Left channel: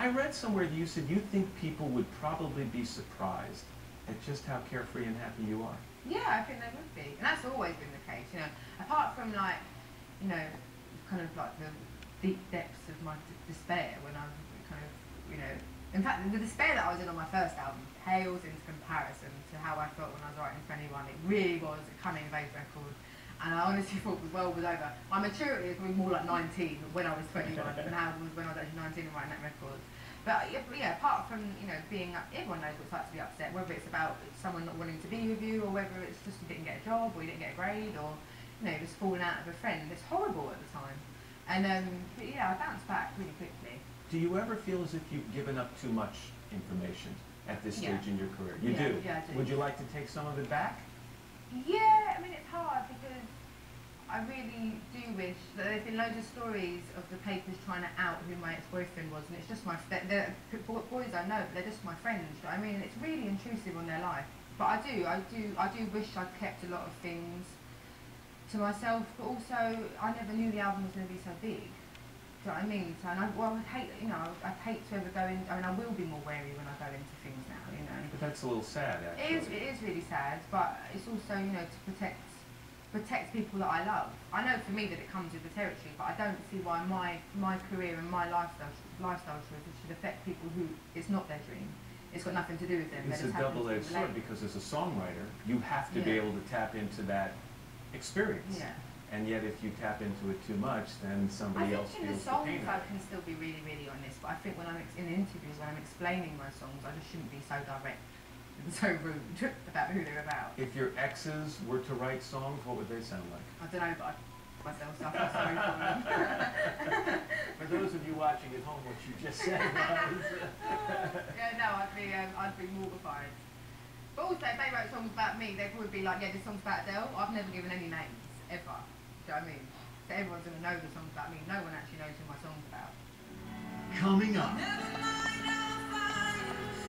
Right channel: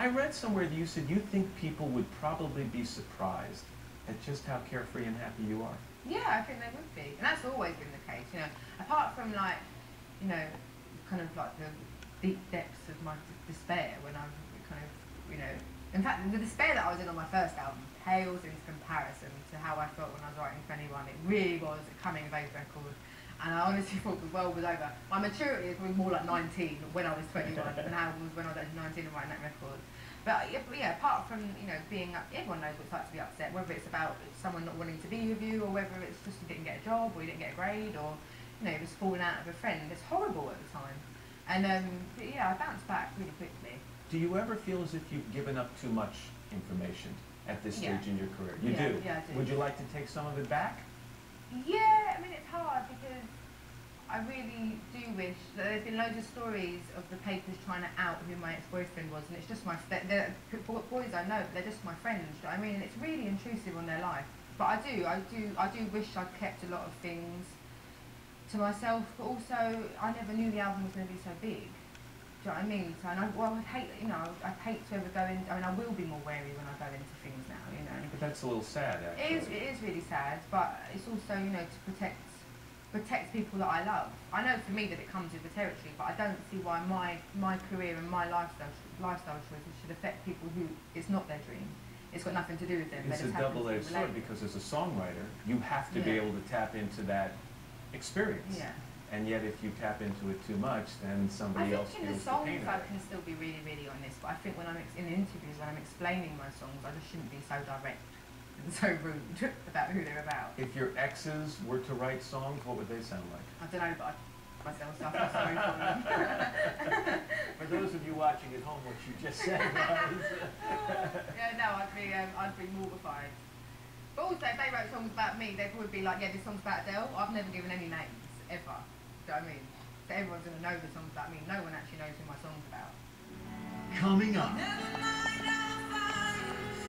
I read somewhere that you said you think people would probably be surprised at just how carefree and happy you are. Yeah, I think they would be, and that's always been the case. You know, apart from like, you know, kind of like the deep depths of my despair when I kind of, you know, in fact, the despair that I was in on my first album pales into comparison to how I felt when I was writing 21. It really was a coming of age record, and I honestly thought the world was over. My maturity is probably more like 19 when I was 21 than how it was when I was actually 19 and writing that record. But yeah, apart from, you know, being up, everyone knows what it's like to be upset, whether it's about someone not wanting to be with you, or whether it's just you didn't get a job, or you didn't get a grade, or, you know, just falling out of a friend. It's horrible at the time. And but yeah, I bounced back really quickly. Do you ever feel as if you've given up too much information at this stage in your career? You do? Yeah, I do. Would you like to take some of it back? Yeah, I mean, it's hard because I really do wish that there's been loads of stories of the papers trying to out who my ex-boyfriend was, and it's just they're boys I know, but they're just my friends. Do you know what I mean? And it's really intrusive on their life. But I do wish I'd kept a lot of things to myself. But also, I never knew the album was going to be so big. Do you know what I mean? So, and I'd hate, you know, I'd hate to ever go in. I mean, I will be more wary when I go into things now. You know. But that's a little sad, actually. It is really sad, but it's also, you know, to protect people that I love. I know for me that it comes with the territory, but I don't see why my career and my lifestyle choices should affect people who it's not their dream. It's got nothing to do with them. It's a double-edged sword, because as a songwriter, you have to be able to tap into that experience. Yeah. And yet, if you tap into it too much, then somebody else feels the pain. I think in the songs I can still be really, really honest, but I think when I'm in interviews, when I'm explaining my songs, I just shouldn't be so direct and so rude about who they're about. If your exes were to write songs, what would they sound like? I don't know, but myself, so I feel sorry for them. For those of you watching at home, what you just said was... Yeah, no, I'd be mortified. But also, if they wrote songs about me, they'd probably be like, yeah, this song's about Adele. I've never given any names, ever. Do you know what I mean? So everyone's going to know the song's about me. No one actually knows who my song's about. Coming up.